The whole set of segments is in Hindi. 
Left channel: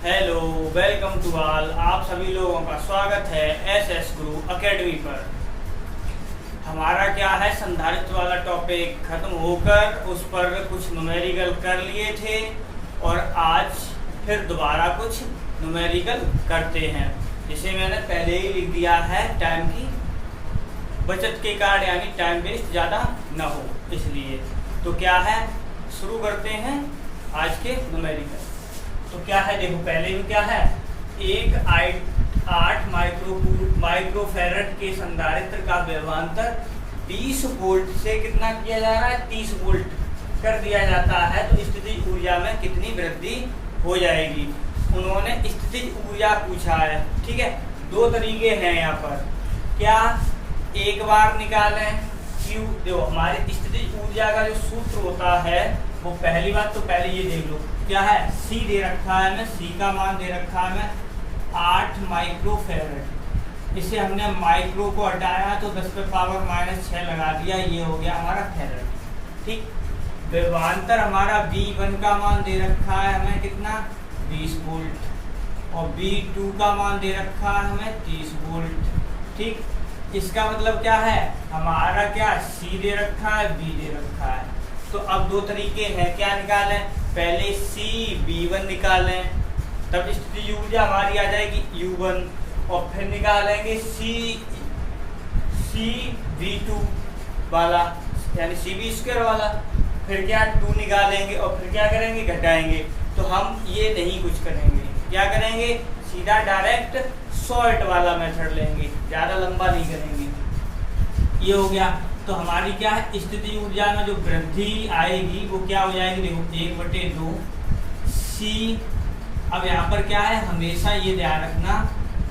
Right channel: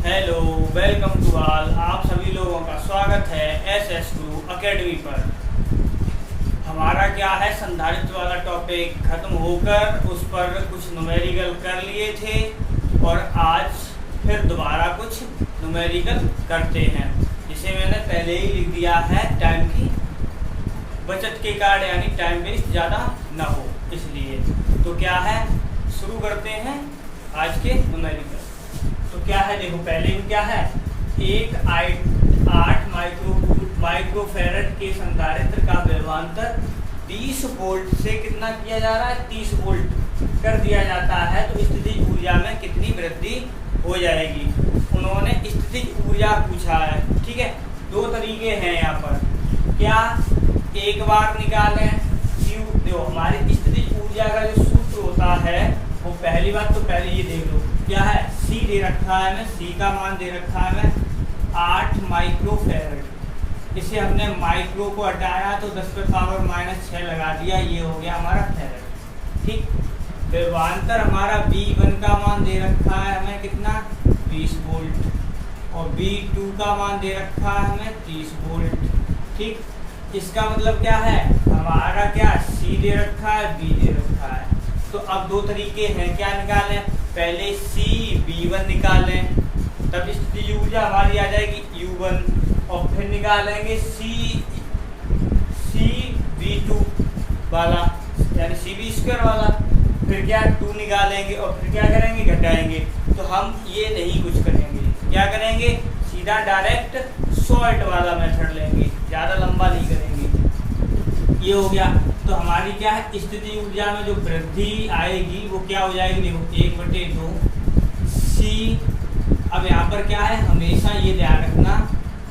Hello, welcome to all. आप सभी लोगों का स्वागत है एसएस गुरु एकेडमी पर। हमारा क्या है, संधारित्र वाला टॉपिक खत्म होकर उस पर कुछ न्यूमेरिकल कर लिए थे और आज फिर दोबारा कुछ न्यूमेरिकल करते हैं, जिसे मैंने पहले ही लिख दिया है टाइम की बचत के कारण, यानी टाइम वेस्ट ज़्यादा ना हो इसलिए। तो क्या है, शुरू करते हैं आज के न्यूमेरिकल। तो क्या है, देखो पहले में क्या है, एक 8 माइक्रोफैरड के संधारित्र का विभवांतर 20 वोल्ट से कितना किया जा रहा है, 30 वोल्ट कर दिया जाता है, तो स्थितिज ऊर्जा में कितनी वृद्धि हो जाएगी। उन्होंने स्थितिज ऊर्जा पूछा है, ठीक है। दो तरीके हैं यहाँ पर, क्या एक बार निकालें Q, देखो हमारी स्थितिज ऊर्जा का जो सूत्र होता है वो पहली बात तो पहले ये देख लो क्या है, C दे रखा है हमें, C का मान दे रखा है हमें 8 माइक्रोफैरड। इसे हमने माइक्रो को हटाया तो 10⁻⁻6 लगा दिया, ये हो गया हमारा फैरड, ठीक। विभवांतर हमारा V1 का मान दे रखा है हमें कितना, 20 वोल्ट, और V2 का मान दे रखा है हमें 30 वोल्ट, ठीक। इसका मतलब क्या है, हमारा क्या C दे रखा है, B दे रखा है। तो अब दो तरीके हैं, क्या निकालें, पहले V1 निकालें, तब स्थितिज ऊर्जा हमारी आ जाएगी U1, और फिर निकालेंगे V2 वाला, यानी CV² वाला, फिर क्या 2 निकालेंगे और फिर क्या करेंगे, घटाएंगे। तो हम ये नहीं कुछ करेंगे, क्या करेंगे, सीधा डायरेक्ट शॉर्ट वाला मेथड लेंगे, ज़्यादा लंबा नहीं करेंगे। ये हो गया। तो हमारी क्या है, स्थितिज ऊर्जा में जो वृद्धि आएगी वो क्या हो जाएगी, देखो 1/2 C। अब यहाँ पर क्या है, हमेशा ये ध्यान रखना,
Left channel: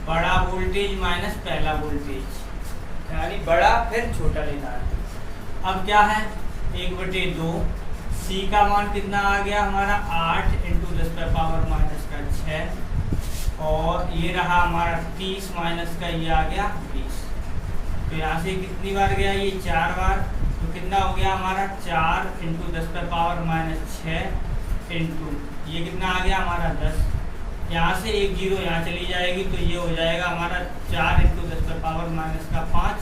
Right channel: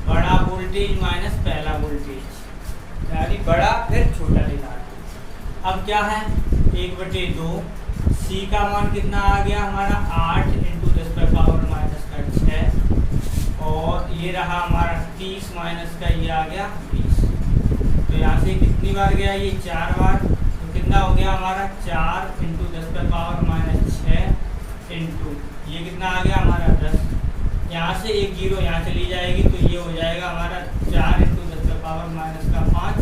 बड़ा वोल्टेज माइनस पहला वोल्टेज, यानी बड़ा फिर छोटा लेना है। अब क्या है, 1/2 C का मान कितना आ गया हमारा, 8 × 10⁻⁻6, और ये रहा हमारा 30 माइनस का ये आ गया 20। तो यहाँ से कितनी बार गया, ये 4 बार, तो कितना हो गया हमारा, 4 × 10⁻�6 इंटू ये कितना आ गया हमारा 10। यहाँ से एक जीरो यहाँ चली जाएगी, तो ये हो जाएगा हमारा 4 × 10⁻⁻5।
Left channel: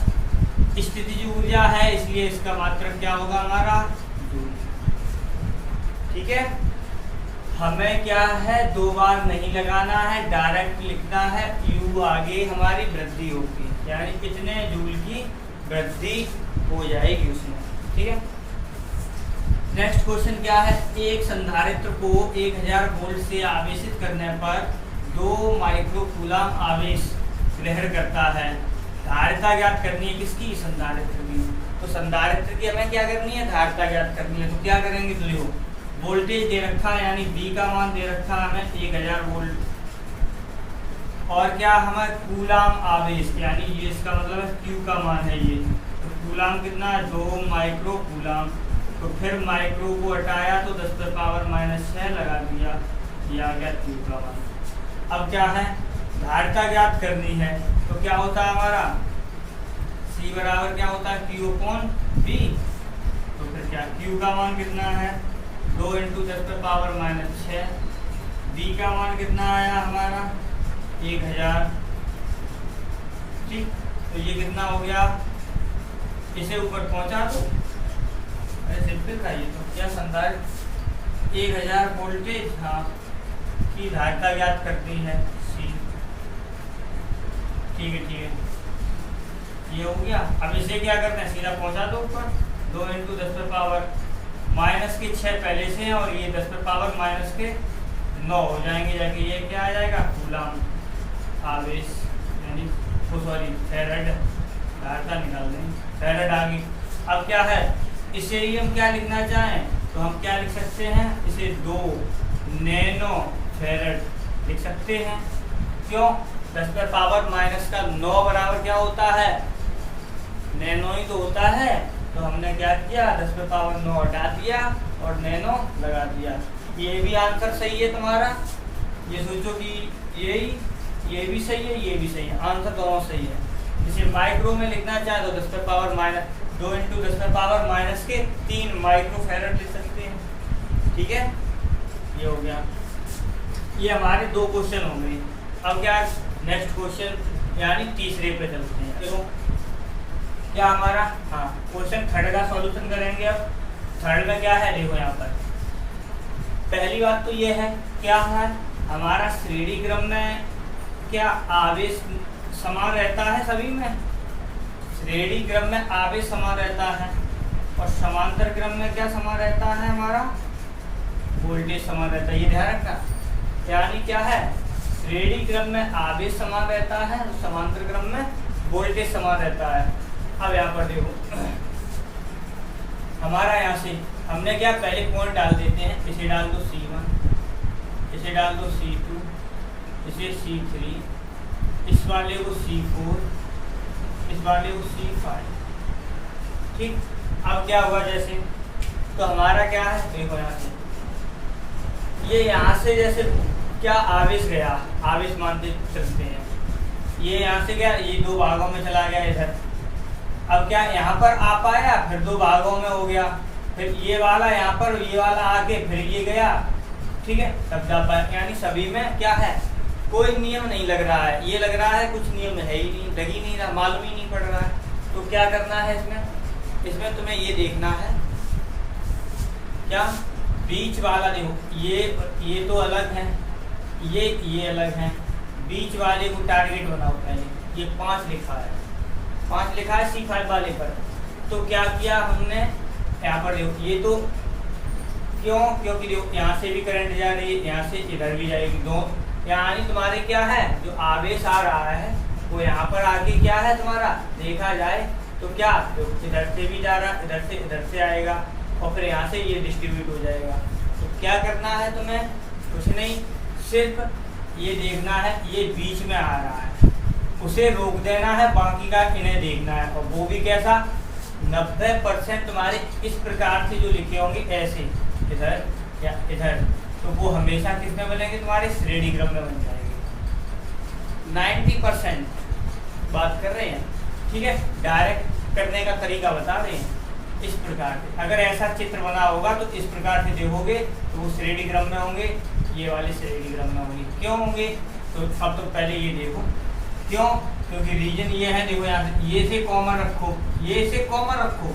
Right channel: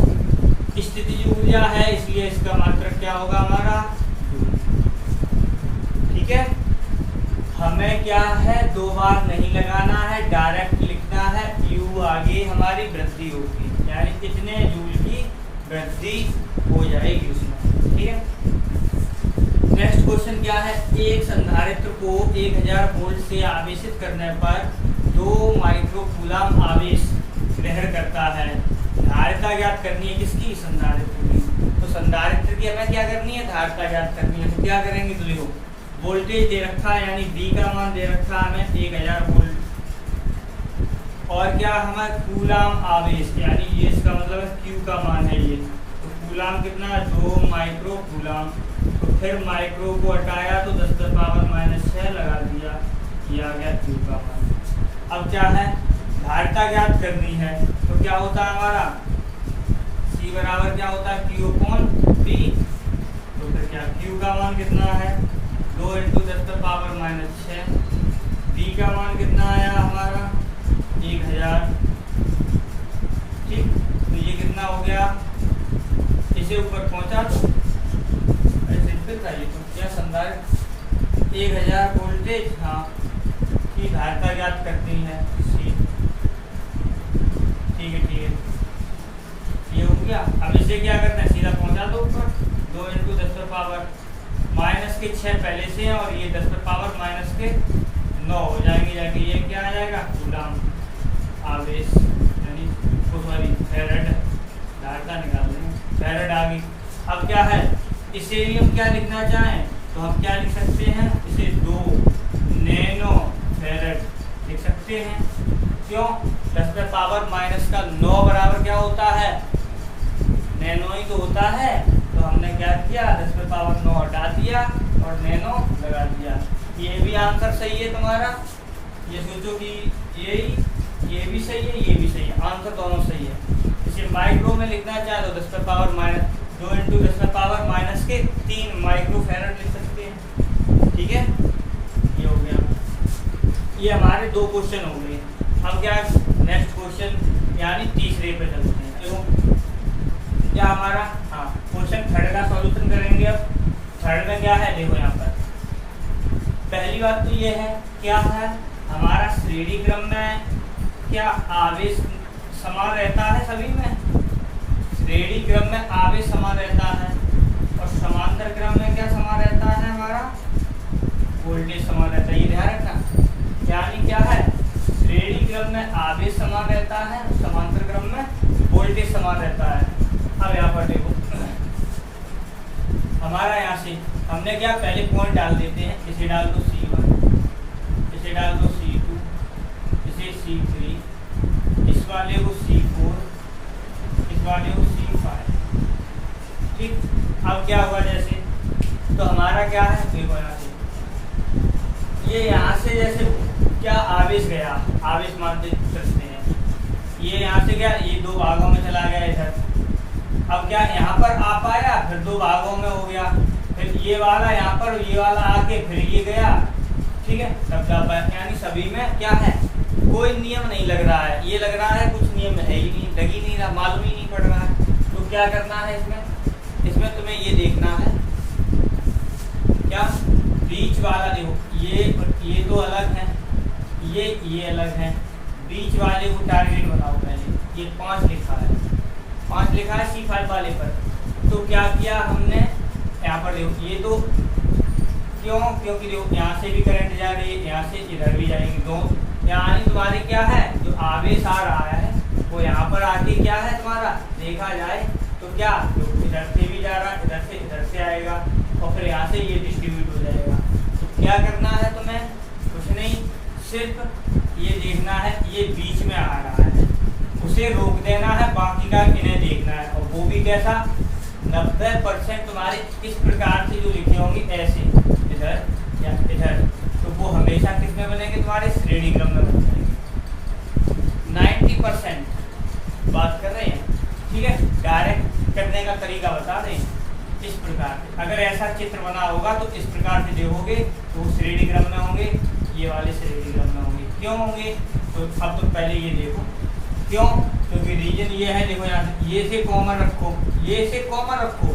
स्थितिज ऊर्जा है इसलिए इसका मात्रक क्या होगा हमारा, ठीक है। हमें क्या है, दो बार नहीं लगाना है, डायरेक्ट लिखना है, U आगे हमारी वृद्धि होगी, यानी कितने जूल की वृद्धि हो जाएगी उसमें, ठीक है। नेक्स्ट क्वेश्चन क्या है, एक संधारित्र को 1000 वोल्ट से आवेशित करने पर 2 माइक्रोकूलम आवेश ग्रहण करता है। धारिता ज्ञात करनी है किसकी, संधारित्र की। तो संधारित्र की हमें क्या करनी है, धारिता ज्ञात करनी है। तो क्या करेंगे, तो देखो वोल्टेज दे रखा है, यानी V का मान दे रखा है हमें 1000 वोल्ट, और क्या हमें कूलाम आवेश, यानी ये इसका मतलब है Q का मान है ये, तो कूलाम कितना है, 2 माइक्रो कूलाम। तो फिर माइक्रो को हटाया तो 10⁻⁻6 लगा दिया, ये आ गया Q का मान। अब क्या है, धारिता ज्ञात करनी है, तो क्या होता है हमारा, C बराबर क्या होता है, Q/V। तो फिर क्या, Q का मान कितना है, 2 × 10⁻⁻6, V का मान कितना आया हमारा 1000, ठीक। तो ये कितना हो गया, इसे ऊपर पहुंचा दो, सिंपल था ये। तो क्या संधारित्र 1000 वोल्टेज, हाँ, की धारिता ज्ञात करनी है, ठीक है, ठीक है, ये हो गया। अब इसे क्या करना है, सीधा पहुंचा दो ऊपर, 2 × 10⁻⁻6 पहले से है, और ये 10⁻⁻9 हो जाएंगे जाके, ये क्या आ जाएगा, कूलाम आवेश, यानी सॉरी फैरड, धारिता निकाल देंगे, फैरड आ गई। अब क्या है, इसे ही हम क्या लिखना चाहें, तो हम क्या लिख सकते हैं, इसे 2 नैनो फैरड लिख सकते हैं। क्यों, 10⁻⁻9 बराबर क्या होता है, नैनो ही तो होता है। तो हमने क्या किया, 10⁻9 हटा दिया और नैनो लगा दिया। ये भी आंसर सही है तुम्हारा, ये सोचो कि ये भी सही है, ये भी सही है, आंसर दोनों सही है। इसे माइक्रो में लिखना चाहे तो 10⁻2 × 10⁻³ माइक्रोफैरड लिख सकते हैं, ठीक है। ये हो गया। ये हमारे 2 क्वेश्चन हो गए। अब क्या नेक्स्ट क्वेश्चन यानी तीसरे पे चलते हैं। देखो क्या हमारा क्वेश्चन थर्ड का सॉल्यूशन करेंगे। अब थर्ड में क्या है, देखो यहाँ पर पहली बात तो ये है क्या है हमारा श्रेणी क्रम में क्या आवेश समान रहता है सभी में। श्रेणी क्रम में आवेश समान रहता है और समांतर क्रम में क्या समान रहता है, हमारा वोल्टेज समान रहता है। ये ध्यान रखना, यानी क्या है श्रेणी क्रम में आवेश समान रहता है और समांतर क्रम में वोल्टेज समान रहता है। अब यहाँ पर देखो हमारा यहाँ से हमने क्या पहले पॉइंट डाल देते हैं। इसे डाल दो C1, इसे डाल दो C2, इसे C3, इस वाले को C4, इस वाले को C5। ठीक, अब क्या होगा जैसे तो हमारा क्या है, देखो यहाँ से ये यहाँ से जैसे क्या आवेश गया, आवेश मानते चलते हैं। ये यहाँ से क्या ये 2 भागों में चला गया इधर। अब क्या यहाँ पर आ पाया, फिर 2 भागों में हो गया, फिर ये वाला यहाँ पर ये वाला आके फिर ये गया। ठीक है, तब जा पाया। यानी सभी में क्या है कोई नियम नहीं लग रहा है। ये लग रहा है कुछ नियम है ही नहीं, लग ही नहीं रहा, मालूम ही नहीं पड़ रहा है। तो क्या करना है इसमें तुम्हें ये देखना है क्या बीच वाला। देखो ये तो अलग है, ये अलग है। बीच वाले को टारगेट बनाओ पहले। ये 5 लिखा है, 5 लिखा है C5 वाले पर। तो क्या किया हमने यहाँ पर, देखो ये तो क्योंकि देखो यहाँ से भी करंट जा रही है, यहाँ से इधर भी जाएगी। दो यानी तुम्हारे क्या है जो आवेश आ रहा है वो यहाँ पर आके क्या है तुम्हारा देखा जाए तो क्या इधर से भी जा रहा है, इधर से आएगा और फिर यहाँ से ये डिस्ट्रीब्यूट हो जाएगा। तो क्या करना है तुम्हें, कुछ नहीं, सिर्फ ये देखना है ये बीच में आ रहा है उसे रोक देना है, बाकी का इन्हें देखना है। और वो भी कैसा 90% तुम्हारे इस प्रकार से जो लिखे होंगे ऐसे इधर या इधर, तो वो हमेशा किस में बनेंगे तुम्हारे श्रेणी क्रम में बन जाएंगे। 90% बात कर रहे हैं। ठीक है, डायरेक्ट करने का तरीका बता रहे हैं इस प्रकार से। अगर ऐसा चित्र बना होगा तो इस प्रकार से देखोगे तो वो श्रेणी क्रम में होंगे, ये वाले श्रेणी क्रम में होंगे। क्यों होंगे तो अब तो पहले ये देखो क्यों, क्योंकि रीजन ये है। देखो यहाँ ये से कॉमन रखो, ये से कॉमन रखो।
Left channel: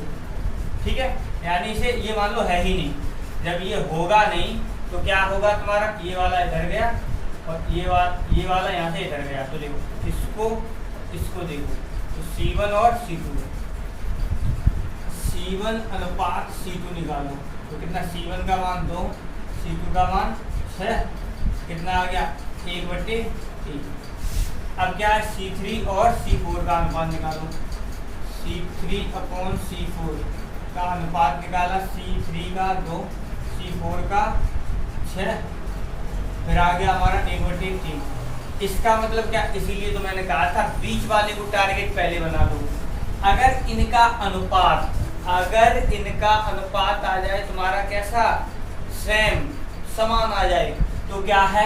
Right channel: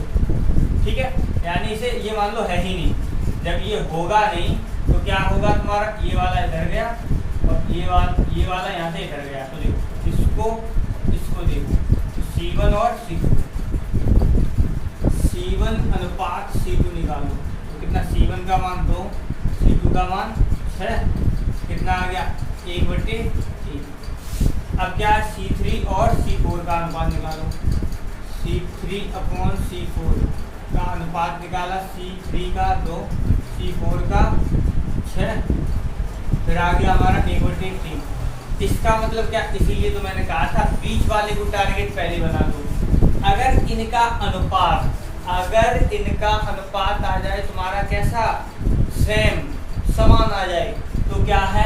ठीक है, यानी इसे ये मान लो है ही नहीं। जब ये होगा नहीं तो क्या होगा तुम्हारा ये वाला इधर गया और ये वाला यहाँ से इधर गया। तो देखो इसको देखो तो C1 और C2, C1 अनुपात C2 निकालो तो कितना, C1 का मान 2, C2 का मान 6, कितना आ गया 1/3। अब क्या है C3 और C4 का अनुपात निकालो। C3/C4 का अनुपात निकाला, C3 का 2, C4 का 6, फिर आ गया हमारा 1/3। इसका मतलब क्या, इसीलिए तो मैंने कहा था बीच वाले को टारगेट पहले बना दो। अगर इनका अनुपात आ जाए तुम्हारा कैसा सेम समान आ जाए तो क्या है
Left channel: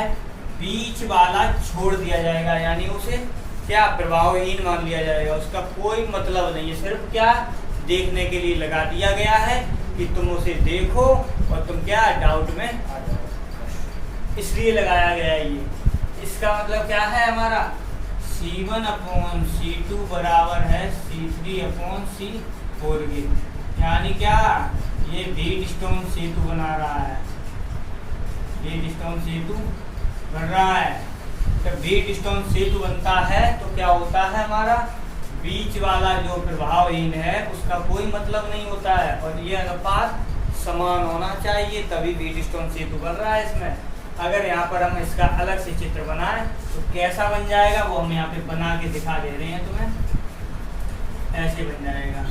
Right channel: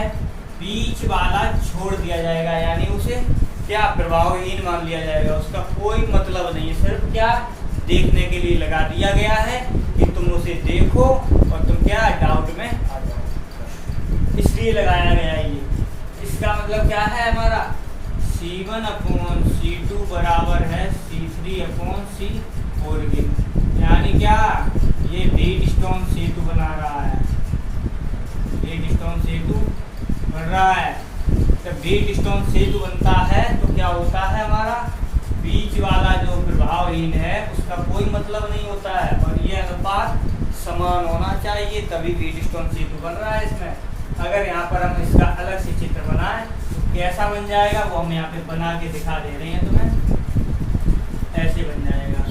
बीच वाला छोड़ दिया जाएगा, यानी उसे क्या प्रभावहीन मान लिया जाएगा। उसका कोई मतलब नहीं है, सिर्फ क्या देखने के लिए लगा दिया गया है कि तुम उसे देखो और तुम क्या डाउट में आ जाओ, इसलिए लगाया गया है ये। इसका मतलब क्या है हमारा C1/C2 बराबर है C3/C4 के। यानी क्या ये व्हीटस्टोन सेतु बना रहा है, व्हीटस्टोन सेतु बन रहा है। जब व्हीटस्टोन सेतु बनता है तो क्या होता है हमारा बीच वाला जो प्रभावहीन है उसका कोई मतलब नहीं होता है और ये अनुपात समान होना चाहिए, तभी व्हीटस्टोन सेतु बन रहा है इसमें। अगर यहाँ पर हम इसका अलग से चित्र बनाएं तो कैसा बन जाएगा वो हम यहाँ पे बना के दिखा दे रहे हैं तुम्हें। ऐसे बन जाएगा।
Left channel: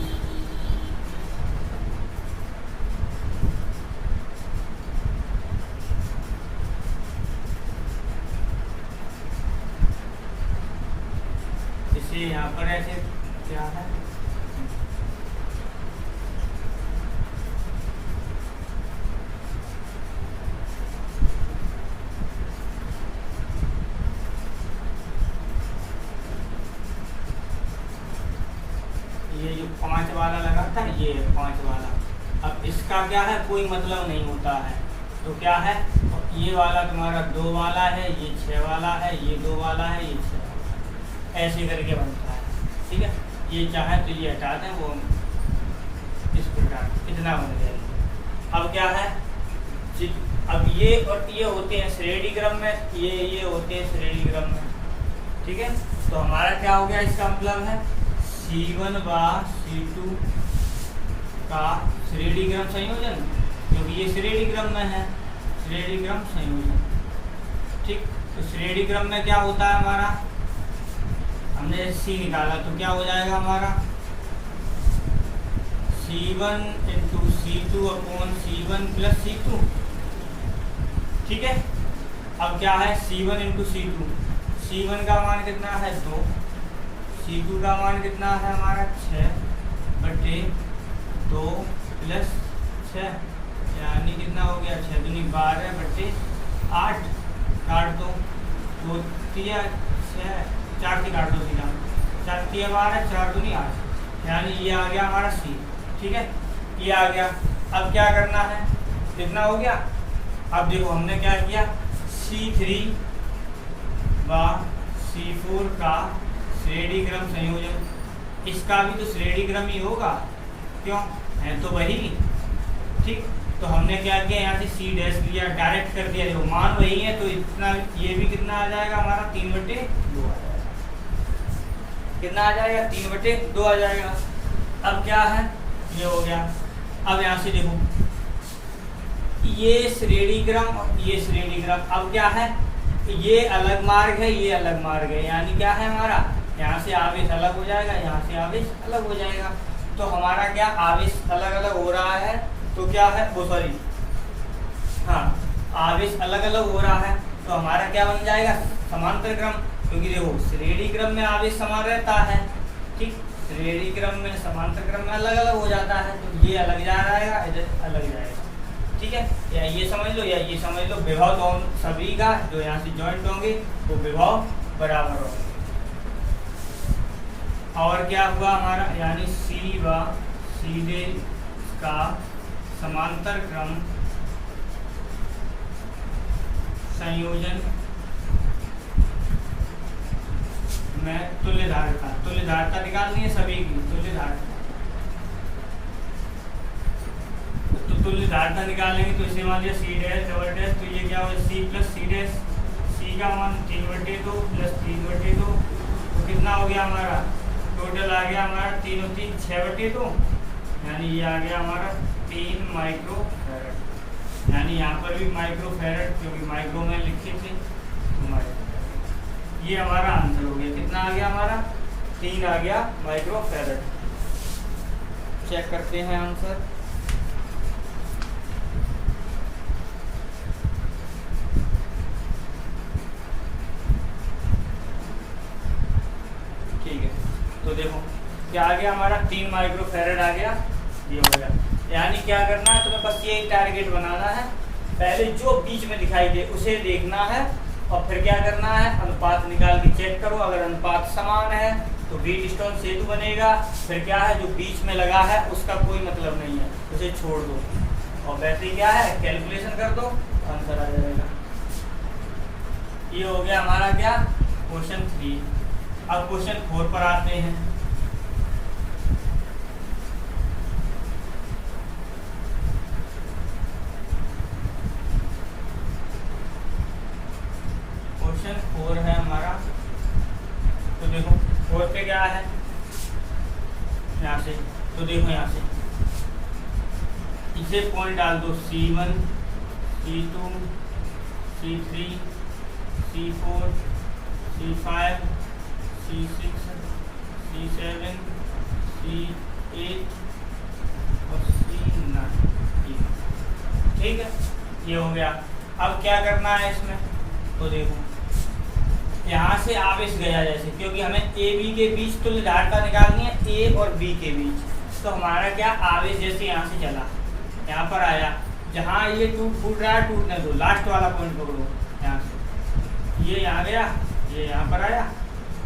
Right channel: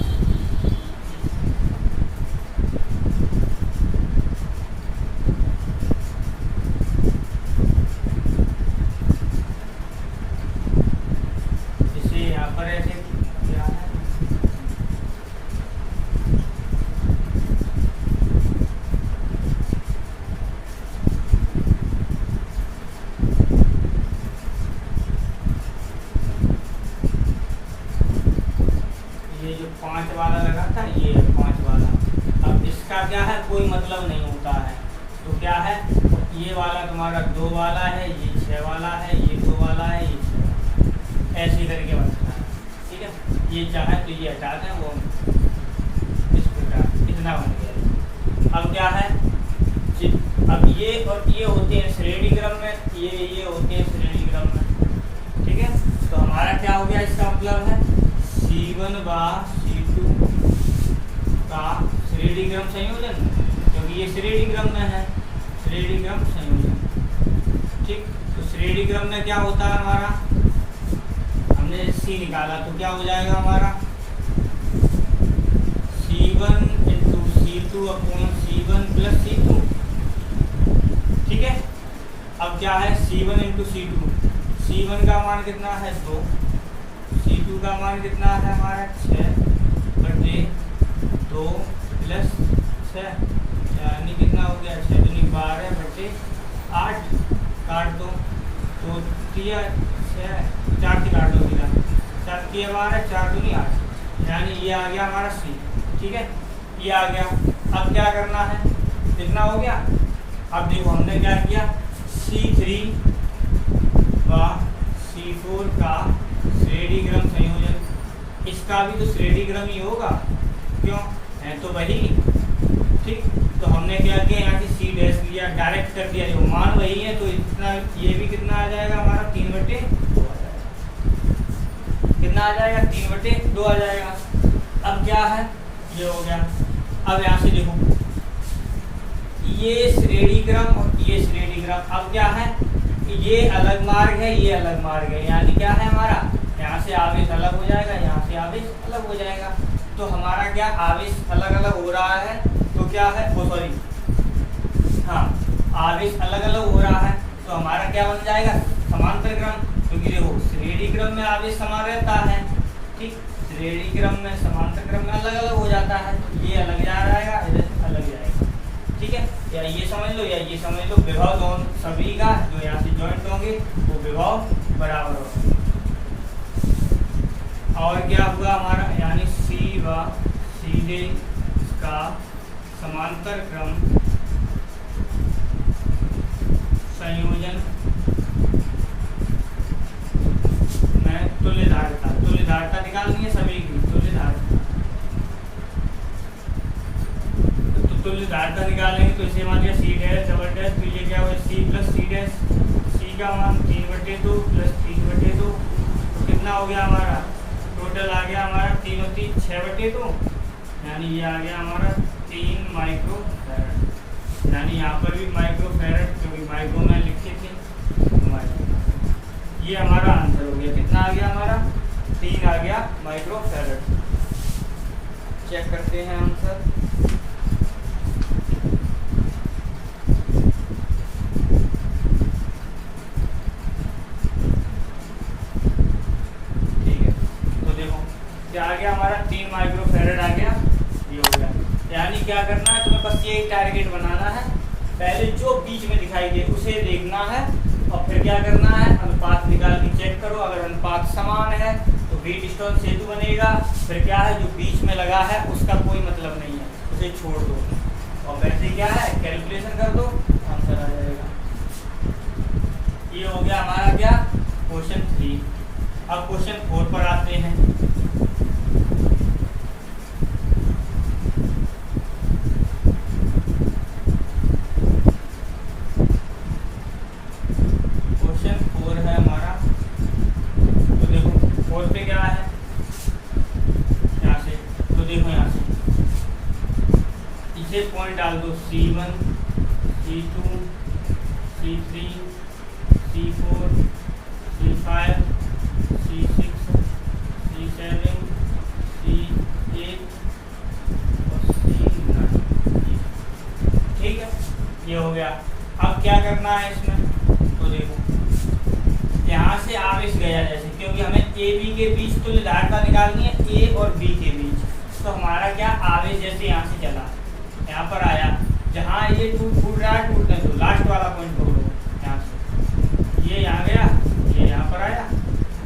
इसे यहाँ पर ऐसे क्या है, ये जो 5 वाला लगा था ये है 5 वाला। अब इसका क्या है कोई मतलब नहीं होता है तो क्या है, ये वाला तुम्हारा 2 वाला है, ये 6 वाला है, ये 2 वाला है, ये 6 वाला, ऐसे करके बनता है। ठीक है, ये चाहे तो ये हटा दें, वो इस प्रकार इतना बन गया। अब क्या है, अब ये और ये होते हैं श्रेणी क्रम में, ये होते हैं श्रेणी क्रम में। ठीक है, तो हमारा क्या हो गया, इसका मतलब है C1 व C2 का श्रेणी क्रम संयोजन, क्योंकि ये श्रेणी क्रम में है, श्रेणी क्रम संयोजन। ठीक, तो श्रेणी क्रम में क्या होता है हमारा, हमने C निकाला तो क्या हो जाएगा हमारा C1 × C2 upon C1 + C2। ठीक है, अब क्या है C1 × C2, C1 का मान कितना है 2, C2 का मान कितना है हमारा 6/2 + 6, यानी कितना हो गया 6 दूनी 12/8, काट दो, 2 3 6, 4 की काट दो, 4 की 12, 4 दूनी 8, यानी ये आ गया हमारा C। ठीक है, ये आ गया। अब क्या करना है, कितना हो गया, अब देखो हमने क्या किया, C3 व C4 का श्रेणी क्रम संयोजन, इसका भी तो श्रेणी क्रम ही होगा, क्यों है तो वही। ठीक, तो हमने क्या किया, यहाँ से C डैश लिया, डायरेक्ट कर दिया, देखो मान वही है तो इतना, ये भी कितना आ जाएगा हमारा 3/2 आ जाएगा, कितना आ जाएगा 3/2 आ जाएगा। अब क्या है, ये हो गया। अब यहाँ से देखो ये श्रेणी क्रम और ये श्रेणी क्रम, अब क्या है, ये अलग मार्ग है, ये अलग मार्ग है, यानी क्या है हमारा, यहाँ से आवेश अलग हो जाएगा, यहाँ से आवेश अलग हो जाएगा। तो हमारा क्या आवेश अलग अलग हो रहा है, तो क्या है वो सॉरी हाँ, आवेश अलग अलग हो रहा है, तो हमारा क्या बन जाएगा समांतर क्रम, क्योंकि देखो श्रेणी क्रम में आवेश समान रहता है। ठीक, श्रेणी क्रम में समांतर क्रम में अलग अलग हो जाता है, तो ये अलग जा रहेगा, इधर अलग जाएगा। ठीक है, या ये समझ लो या ये समझ लो, विभव दोनों सभी का जो यहाँ से जॉइंट होंगे वो विभव बराबर होंगे। और क्या हुआ हमारा, यानी C व C D का समांतर क्रम संयोजन में तुल्यधारता निकालनी है सभी की, तुल्यधारता निकालेंगे तो इसे मान लिया C डैश डबल डैश, तो ये क्या हो C + C डैश, C का मान 3/2 + 3/2, तो कितना हो गया हमारा, टोटल आ गया हमारा 3 और 3 6/2, यानी ये आ गया हमारा 3 माइक्रोफैरड, यानी यहाँ पर भी माइक्रोफैरड, क्योंकि माइक्रो में लिखे थे ये हमारा आंसर हो गया। कितना आ गया हमारा 3 आ गया माइक्रोफैरड। चेक करते हैं आंसर। ठीक है, तो देखो क्या आ गया हमारा 3 माइक्रोफैरड आ गया, ये हो गया। यानी क्या करना है, तुम्हें बस ये टारगेट बनाना है, पहले जो बीच में दिखाई दे उसे देखना है, और फिर क्या करना है, अनुपात निकाल के चेक करो, अगर अनुपात समान है तो व्हीटस्टोन सेतु बनेगा, फिर क्या है जो बीच में लगा है उसका कोई मतलब नहीं है, उसे छोड़ दो, और वैसे क्या है कैलकुलेशन कर दो, आंसर आ जाएगा। ये हो गया हमारा क्या क्वेश्चन 3। अब क्वेश्चन 4 पर आते हैं। क्वेश्चन 4 है हमारा, तो देखो 4 पे क्या है, यहाँ से तो देखो यहाँ से इसे पॉइंट डाल दो, C1 C2 C3 C4 C5 C6 C7 C8 और C9। ठीक है, ये हो गया। अब क्या करना है इसमें, तो देखो यहाँ से आवेश गया जैसे, क्योंकि हमें ए बी के बीच तुल्यधारता निकालनी है, ए और बी के बीच, तो हमारा क्या आवेश जैसे यहाँ से चला यहाँ पर आया, जहाँ ये फूट रहा है टूटने दो, लास्ट वाला पॉइंट पकड़ो, यहाँ से ये यहाँ गया, ये यहाँ पर आया,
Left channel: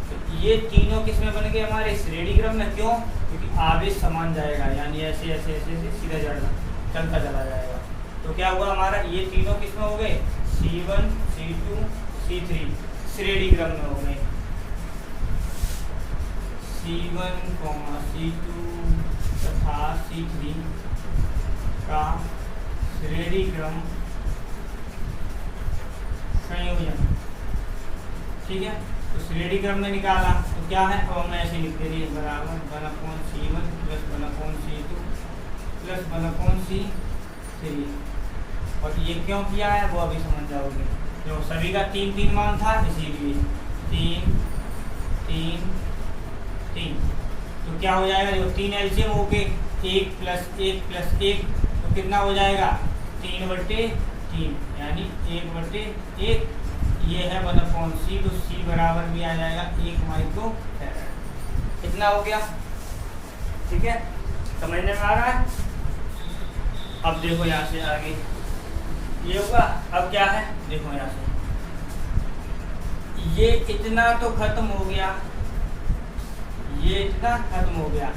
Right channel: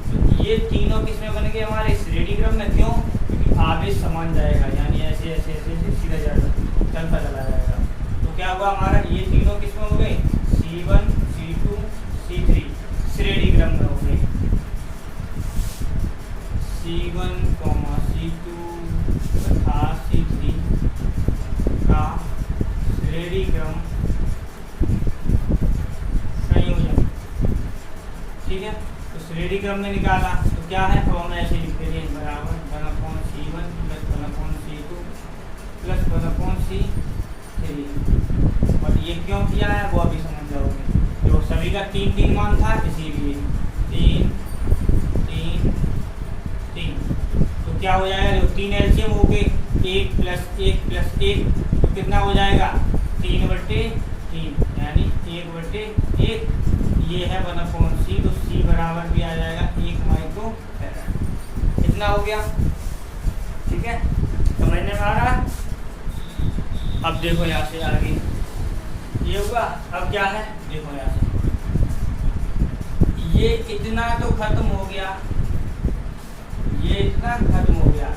तो ये तीनों किसमें बन गए हमारे श्रेणी क्रम में, क्यों, क्योंकि आवेश समान जाएगा, यानी ऐसे ऐसे ऐसे ऐसे सीधा जाएगा, चलता चला जाएगा, तो क्या हुआ हमारा, ये तीनों किसमें हो गए, C1 C2 C3 श्रेणी क्रम में हो गए। C1, C2 तथा C3 का श्रेणी क्रम संयोजन। ठीक है, तो श्रेणी क्रम में निकाला तो क्या है, तो हम ऐसे लिखते हैं बराबर 1/C1 plus 1/C2 plus 1/C3। और ये क्यों किया है वो अभी समझ जाओगे। तो सभी का 3 मान था, इसीलिए 3 3 3। तो क्या हो जाएगा, जो 3 एलसीएम हो गए, 1 + 1 + 1 तो कितना हो जाएगा, 3/3 यानी 1/1। ये है 1/C, तो C बराबर भी आ जाएगा 1 माइक्रो फैराड। इतना हो गया। ठीक है, समझने में आ रहा है। अब देखो यहाँ से आगे ये हुआ। अब क्या है, देखो यहाँ से ये इतना तो खत्म हो गया, ये इतना खत्म हो गया,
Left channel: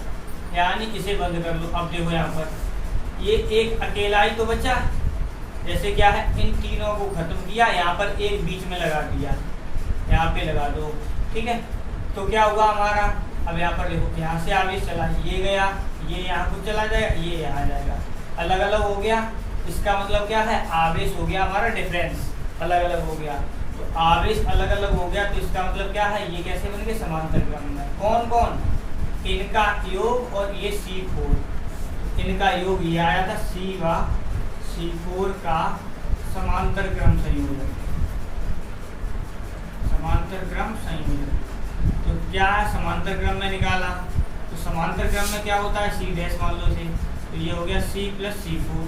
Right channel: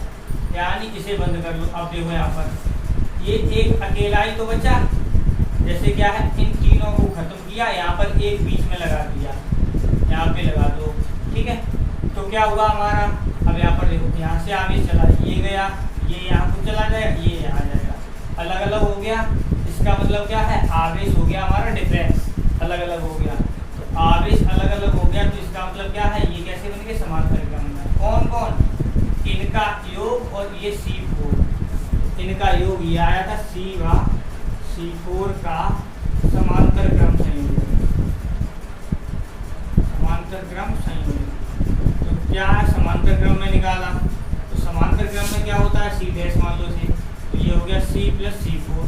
यानी इसे बंद कर लो। अब देखो यहाँ पर ये एक अकेला ही तो बचा। जैसे क्या है, इन तीनों को खत्म किया, यहाँ पर एक बीच में लगा दिया, यहाँ पे लगा दो। ठीक है, तो क्या हुआ हमारा, अब यहाँ पर देखो, यहाँ से आवेश चला, ये गया, ये यहाँ को चला जाएगा, ये यहाँ जाएगा, अलग अलग हो गया। इसका मतलब क्या है, आवेश हो गया हमारा डिफरेंस, अलग अलग हो गया। तो आवेश अलग अलग हो गया, तो इसका मतलब क्या है, ये कैसे बन गए, समांतर क्रम में। कौन कौन, इनका योग और ये C4, इनका योग ये आया था C4 का समांतर क्रम संयोजन, समांतर क्रम संयोजन। तो क्या है, समांतर क्रम में निकाला, तो समांतर क्रम में क्या होता है, C' मान लो C, तो ये हो गया C + C4।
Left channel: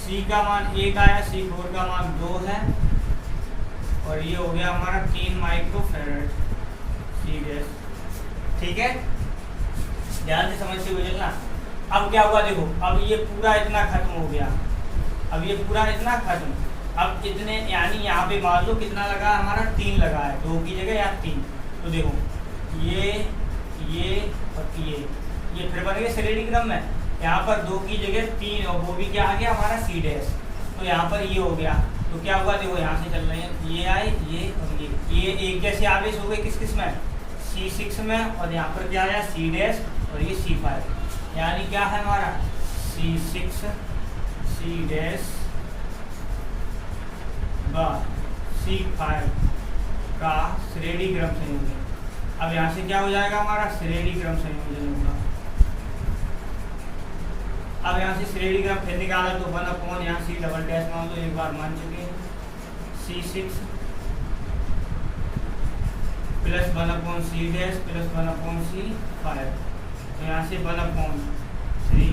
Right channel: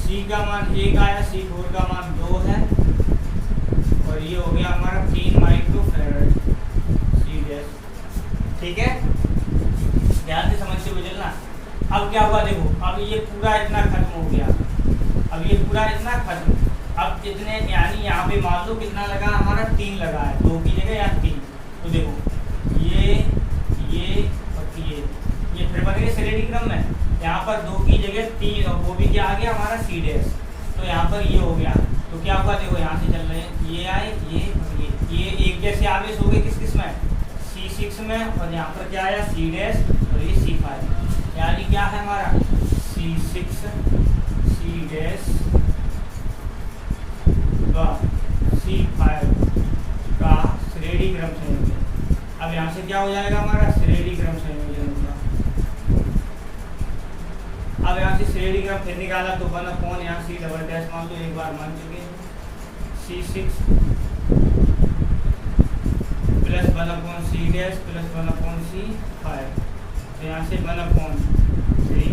C का मान 1 आया, C4 का मान 2 है, और ये हो गया हमारा 3 माइक्रो फैराड C'। ठीक है, ध्यान से समझते हुए चलना। अब क्या हुआ, देखो अब ये पूरा इतना खत्म हो गया, अब ये पूरा इतना खत्म। अब इतने यानी यहाँ पे मान लो कितना लगा हमारा, 3 लगा है, 2 की जगह यहाँ 3। तो देखो ये और ये फिर बन गए श्रेणी क्रम में। यहाँ पर 2 की जगह 3, और वो भी क्या आ गया हमारा C'। तो यहाँ पर ये हो गया। तो क्या हुआ, देखो यहाँ से चल रहे हैं, ये आए, ये और ये एक जैसे आवेश हो गए, किस किस में, C6 में, और यहाँ पर क्या आया C' और ये C5, यानी क्या है हमारा C6 C' का C5 का श्रेणी क्रम संयोजन। अब यहाँ से क्या हो जाएगा हमारा, श्रेणी क्रम संयोजन होगा। अब यहाँ से श्रेणी क्रम फिर निकाला, तो 1/, यहाँ C" मान लो, एक बार मान चुके हैं, C6 plus 1/C' plus 1/C5। यहाँ से 1/3 1/3।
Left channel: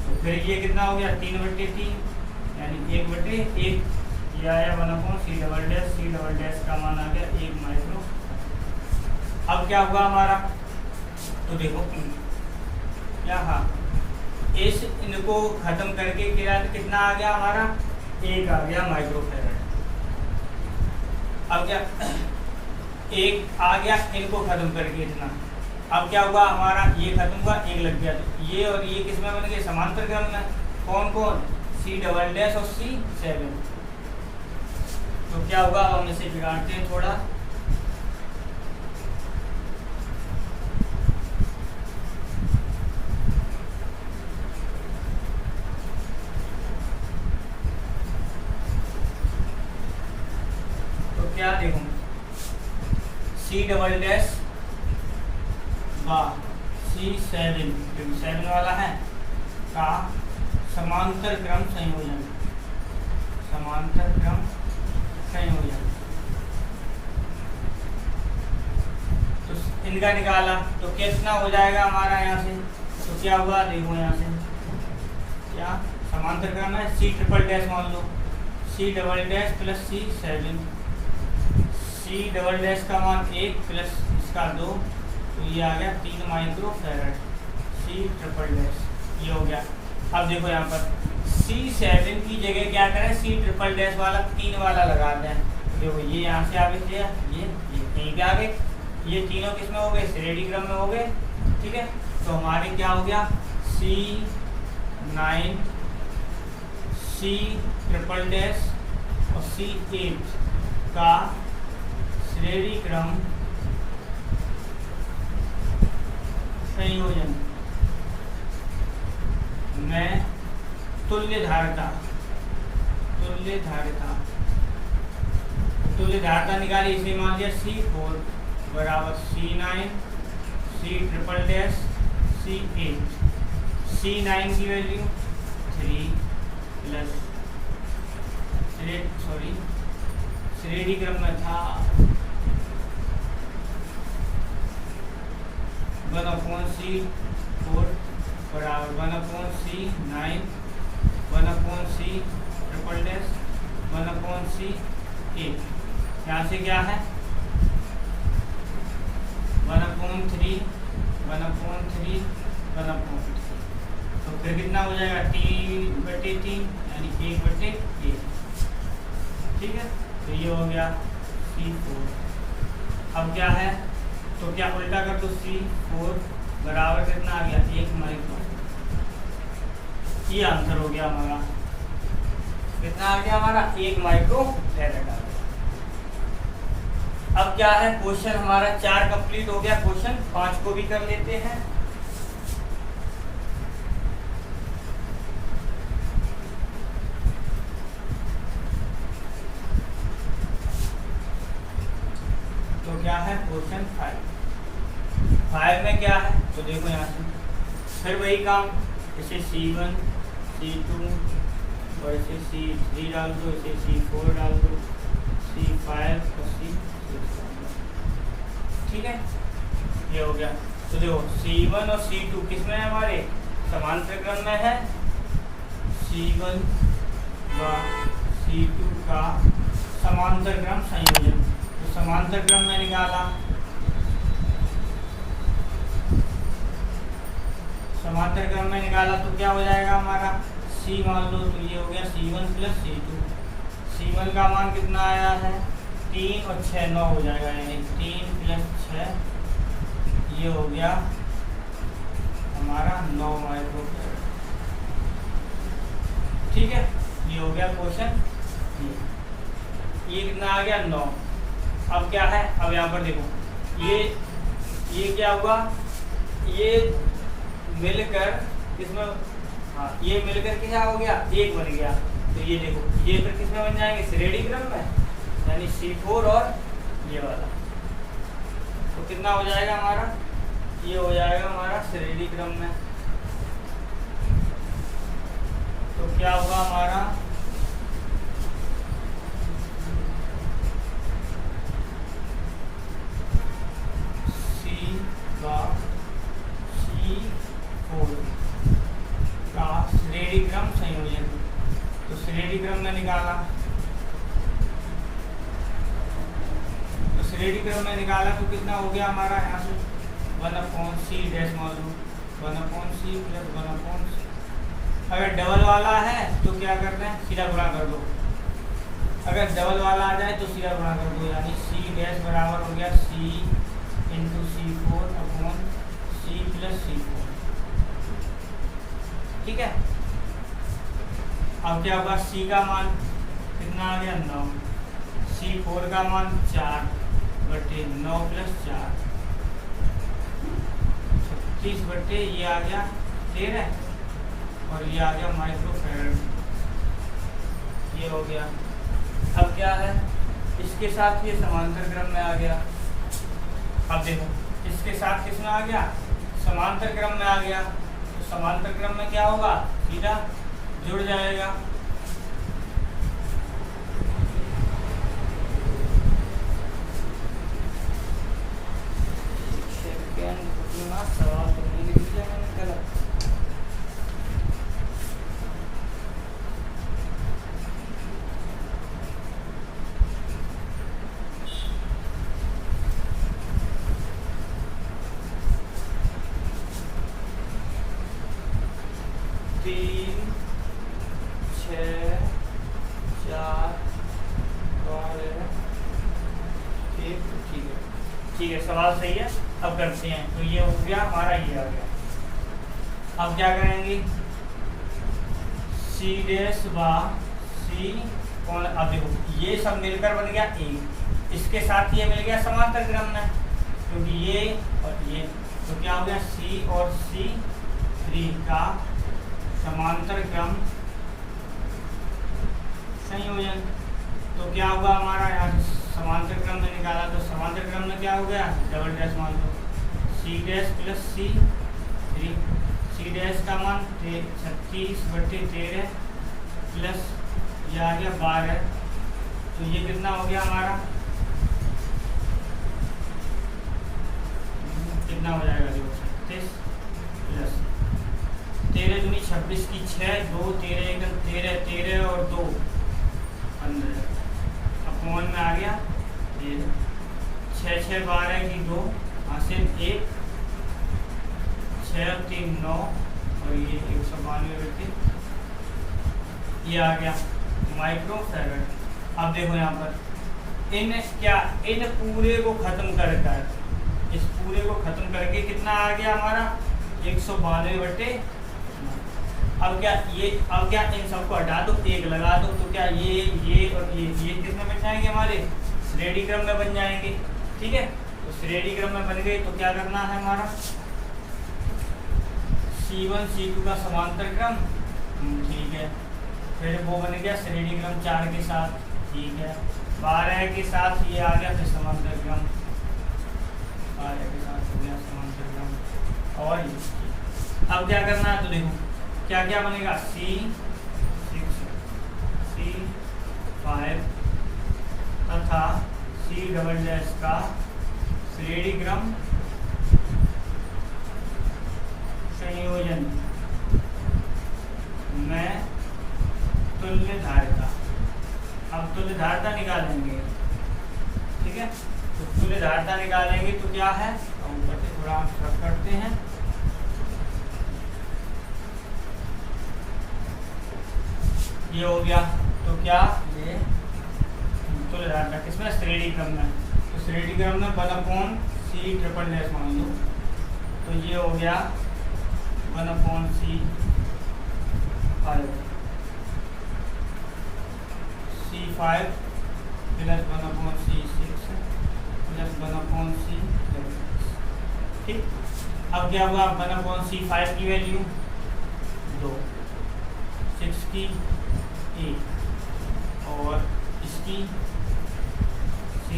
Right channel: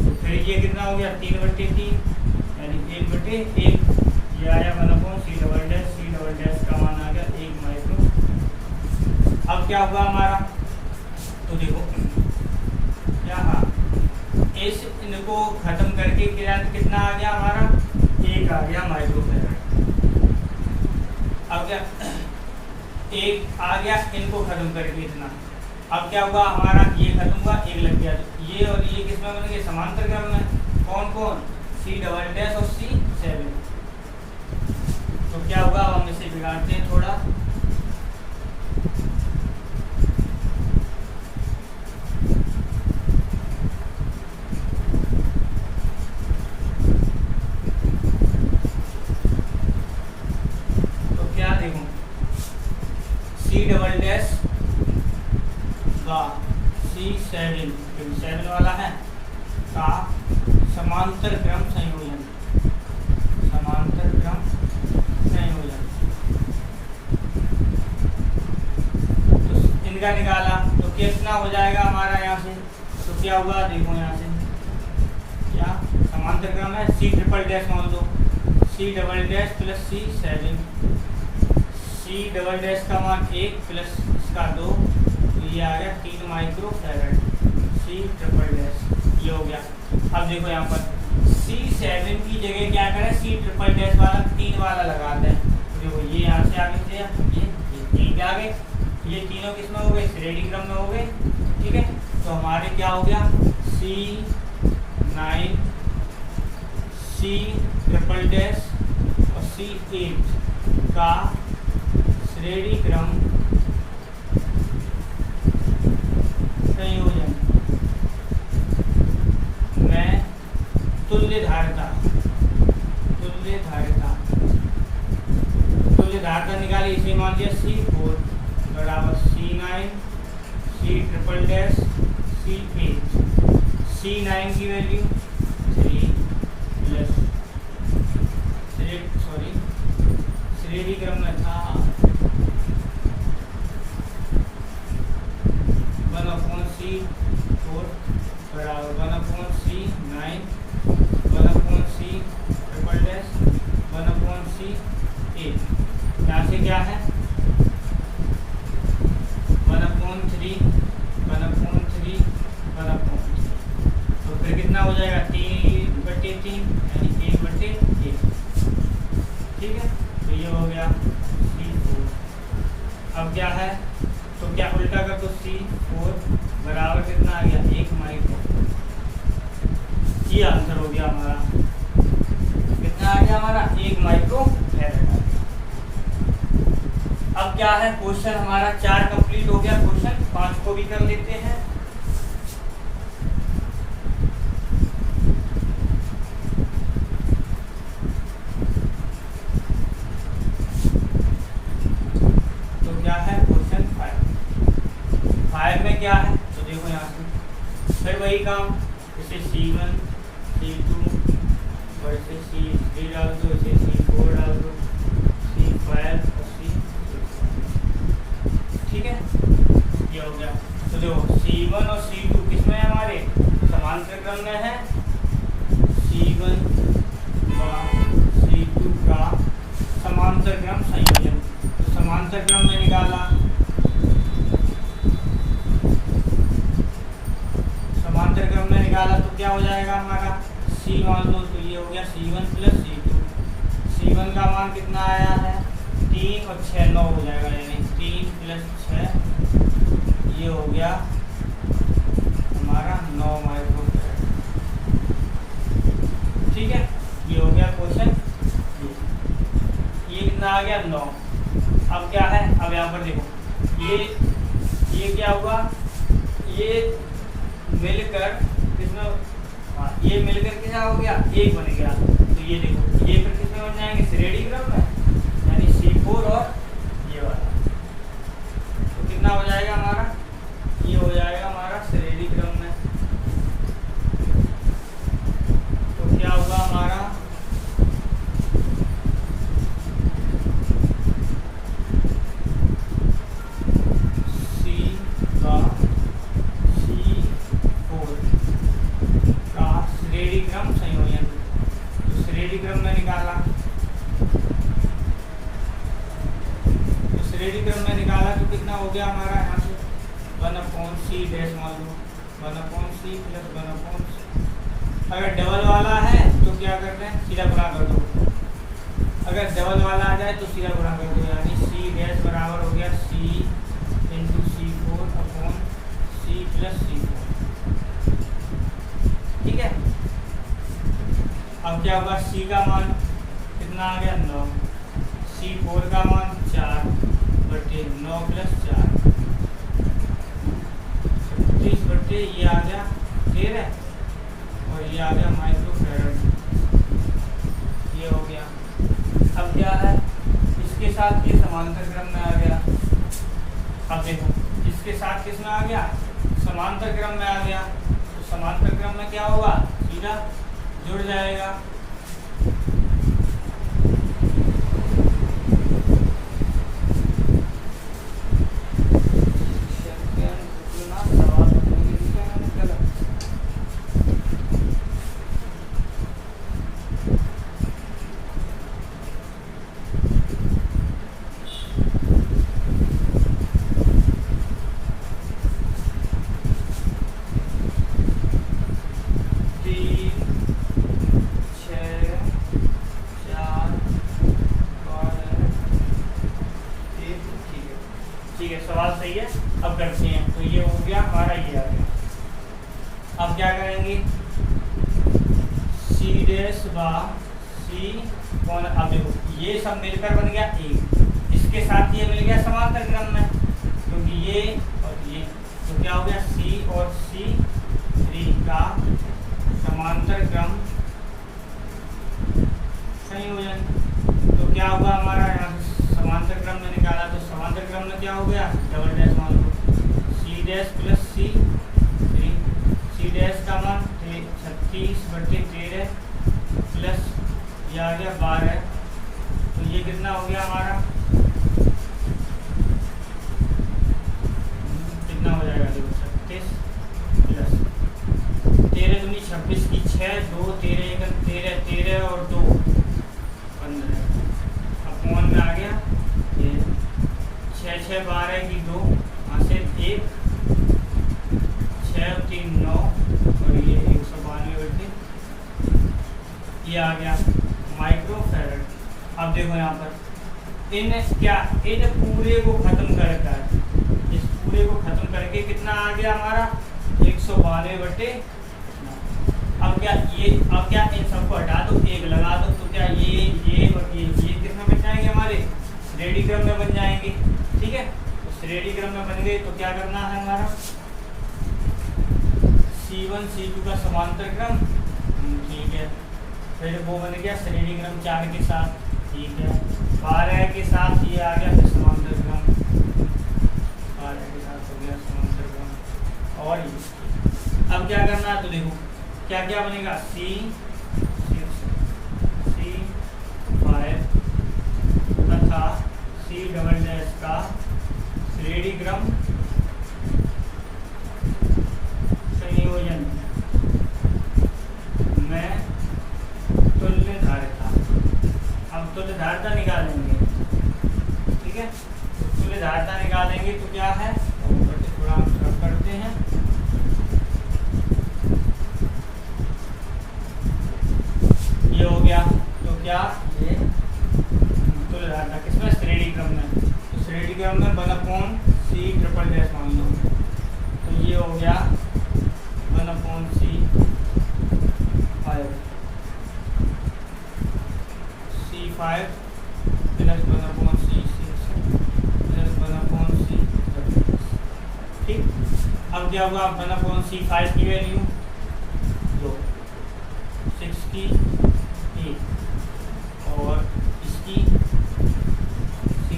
तो फिर ये कितना हो गया, 3/3 यानी 1/1। ये आया 1/C', का मान आ गया 1 माइक्रो। अब क्या हुआ हमारा, तो देखो क्या, हाँ, इस इनको खत्म करके कितना आ गया हमारा, 1 आ गया माइक्रो फैराड। अब क्या, 1 आ गया इनको खत्म करके इतना। अब क्या हुआ हमारा, ये खत्म हुआ, 1 लग गया। तो ये और ये किसमें बन गए, समांतर क्रम में। कौन कौन, C' और C7। तो क्या होगा, हम इसे बिगाड़ते हैं थोड़ा। तो क्या देखो, C" का C7 वाला है का समांतर क्रम संयोजन, समांतर क्रम संयोजन। तो इनका निकाला, तो कितना हो जाएगा हमारा यहाँ से, तो क्या हुआ, देखो यहाँ से क्या समांतर क्रम है, C" मान लो, C" प्लस C7। C" का मान 1 प्लस इसका 2, तो ये आ गया 3 माइक्रो फैराड C'। ये हो गया। अब देखो यहाँ पर C7 की जगह क्या करें, C" वाला 3 वाला लगाते हैं। देखो ये यहाँ से आगे से ये 3 के आ गए, ये तीनों किस में हो गए, श्रेणी क्रम में हो गए। ठीक है, तो हमारे क्या हो गया, C9 C" और C8 का श्रेणी क्रम संयोजन में तुल्य धारिता निकाली। इसे मान लिया C4 बराबर C9 C" C8। C9 की वैल्यू 3 प्लस श्रेणी क्रम में था 1/C4 बराबर 1/C9 1/C" 1/C8। यहाँ से क्या है 1/3 1/3 तो फिर कितना हो जाएगा 3/3 यानी 1/1। ठीक है, तो ये हो गया C4। अब क्या है, तो क्या उल्टा कर दो C4 बराबर कितना आ गया 1 माइक्रो। ये आंसर हो गया हमारा, कितना आ गया हमारा 1 माइक्रो फैराड आ गया। अब क्या है, क्वेश्चन हमारा 4 कंप्लीट हो गया। क्वेश्चन 5 को भी कर लेते हैं। तो क्या है क्वेश्चन 5 में क्या है, तो देखो यहाँ से फिर वही काम, इसे C1 C2 और इसे C3 डाल दो, इसे C4 डाल दो, C5 और C6। ठीक है, ये हो गया। तो देखो C1 और C2 किसमें है, हमारे समांतर क्रम में है। C1 व C2 का समांतर क्रम संयोजन, तो समांतर क्रम में निकाला, समांतर क्रम में निकाला तो क्या हो जाएगा हमारा C मान लो, तो ये हो गया C1 प्लस C2। C1 का मान कितना आया है 3 और 6 9 हो जाएगा, यानी 3 प्लस 6 ये हो गया हमारा 9 माइक्रोफैराड। ठीक है, ये हो गया क्वेश्चन। ये कितना आ गया 9। अब क्या है, अब यहाँ पर देखो ये क्या हुआ, ये मिलकर किसमें, हाँ ये मिलकर क्या हो गया 1 बन गया। तो ये देखो ये फिर किसमें बन जाएंगे श्रेणी क्रम में, यानी C4 और ये वाला। तो कितना हो जाएगा हमारा, ये हो जाएगा हमारा श्रेणी क्रम में। तो क्या हुआ हमारा C4 का श्रेणी क्रम संयोजन। तो श्रेणी क्रम में निकाला, तो श्रेणी क्रम में निकाला तो कितना हो गया हमारा यहाँ से 1/C डैश मान लो 1/C प्लस 1/C। अगर डबल वाला है तो क्या करना है, सीधा गुणा कर दो। अगर डबल वाला आ जाए तो सीधा गुणा कर दो, यानी C डैश बराबर हो गया C into C4 upon C plus C4। ठीक है, अब क्या होगा, C का मान कितना आ गया 9, C4 का मान 4/9 प्लस 4 36 ये आ गया 13 और ये आ गया माइक्रोफैराड। ये हो गया। अब क्या है, इसके साथ ये समांतर क्रम में आ गया। अब देखो इसके साथ किसमें आ गया, समांतर क्रम में आ गया। तो समांतर क्रम में क्या होगा, सीधा जुड़ जाएगा। ठीक है, सवाल सही है। अब करते हैं, तो ये हो गया हमारा, ये आ गया। अब क्या करेंगे, सी डैश बा सी कौन, अब देखो ये सब मिलकर बन गया एक, इसके साथ ये मिल गया समांतर क्रम में, क्योंकि ये और ये, तो क्या हो गया सी और सी थ्री का समांतर क्रम संयोजन। तो क्या होगा हमारा, यहाँ समांतर क्रम में निकाला तो समांतर क्रम में क्या हो गया, डबल डैश मान लो c dash plus c three, c dash का मान 36/13 प्लस ये आ गया 12, तो ये कितना हो गया हमारा, कितना हो जाएगा देखो 36 प्लस 13 दूनी 26 की 6, 2 13 13 13 और 2 15, अपॉन में आ गया 6 6 12 की 2 हासिल 1, 6 3 9 और ये 192 ये आ गया माइक्रोफैरड। अब देखो यहाँ पर इन पूरे को खत्म कर इस पूरे को खत्म करके कितना आ गया हमारा 192 अब क्या इन सबको हटा दो, एक लगा दो, तो क्या ये और ये कितने बन जाएंगे हमारे श्रेणी क्रम में बन जाएंगे। ठीक है, तो श्रेणी क्रम में बन गए तो क्या करना है हमारा C1 C2 का समांतर क्रम, ठीक है, फिर वो बन गया श्रेणी क्रम 4 के साथ, ठीक है, 12 के साथ ये आ गया फिर समांतर क्रम, 12 के साथ हो गया समांतर क्रम। और ये अब क्या करना है, तो देखो क्या क्या बनेगा C6 C5 तथा C डबल डैश का श्रेणी क्रम संयोजन में तुल्य धारिता। अब तुल्य धारिता निकालेंगे, ठीक है, तो तुल्य धारिता निकालेंगे तो क्या है, थोड़ा हम करते हैं, ये हो गया, तो क्या ये तुल्य धारिता किसमें श्रेणी क्रम में, तो श्रेणी क्रम में 1/C ट्रिपल डैश मान लो, तो ये हो गया 1/C5 C5 plus 1/C6 plus 1/C, ठीक। अब क्या होगा 1/C5 की वैल्यू 2, 6 की 1 और इसकी तो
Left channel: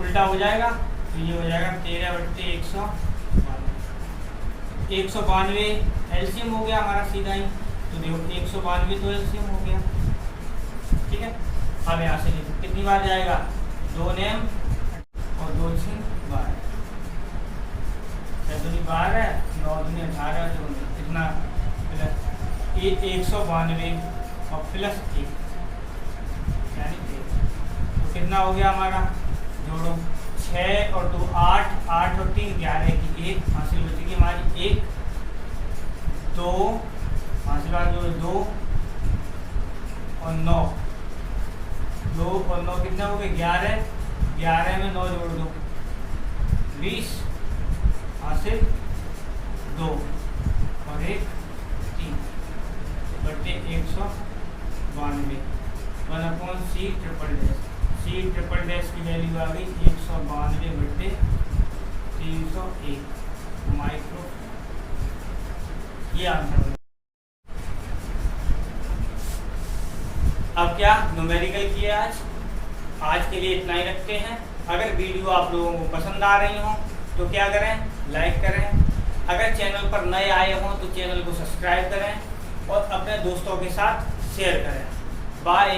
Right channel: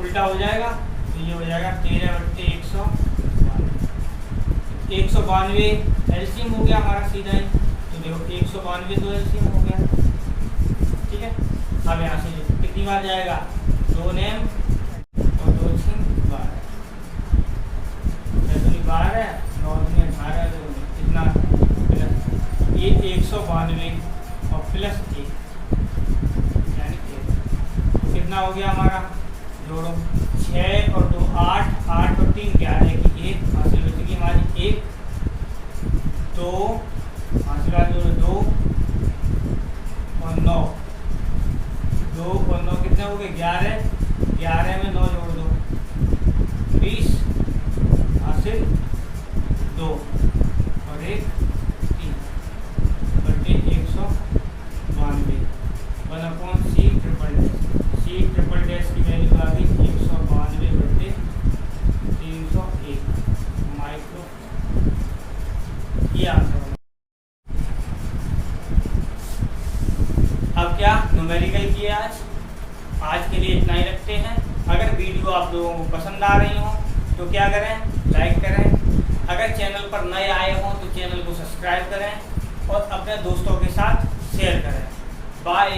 उल्टा हो जाएगा, तो ये हो जाएगा 13/192 एलसीएम हो गया हमारा सीधा ही, तो देखो 192 तो एलसीएम हो गया, ठीक है। अब यहाँ से कितनी बार जाएगा, 2 नेम और 2 12, 12 9 18 जो कितना ये 192 और प्लस 1 यानी 1, तो कितना हो गया हमारा, जोड़ो 6 और 2 8, 8 और 3 11 की 1 हासिल होती है हमारी 1 2 हासिल जोड़ो 2 और 9, 2 और 9 कितने हो गए 11, 11 में 9 जोड़ दो 20 हासिल 2 और 1 3 बटे 192 1/C triple dash, C triple dash की वैल्यू आ गई 192/301 माइक्रो, ये आंसर। अब क्या न्यूमेरिकल किया आज के लिए इतना ही रखते हैं। अगर वीडियो आप लोगों को पसंद आ रही हो तो क्या करें, लाइक करें, अगर चैनल पर नए आए हों तो चैनल को सब्सक्राइब करें और अपने दोस्तों के साथ शेयर करें। बाय।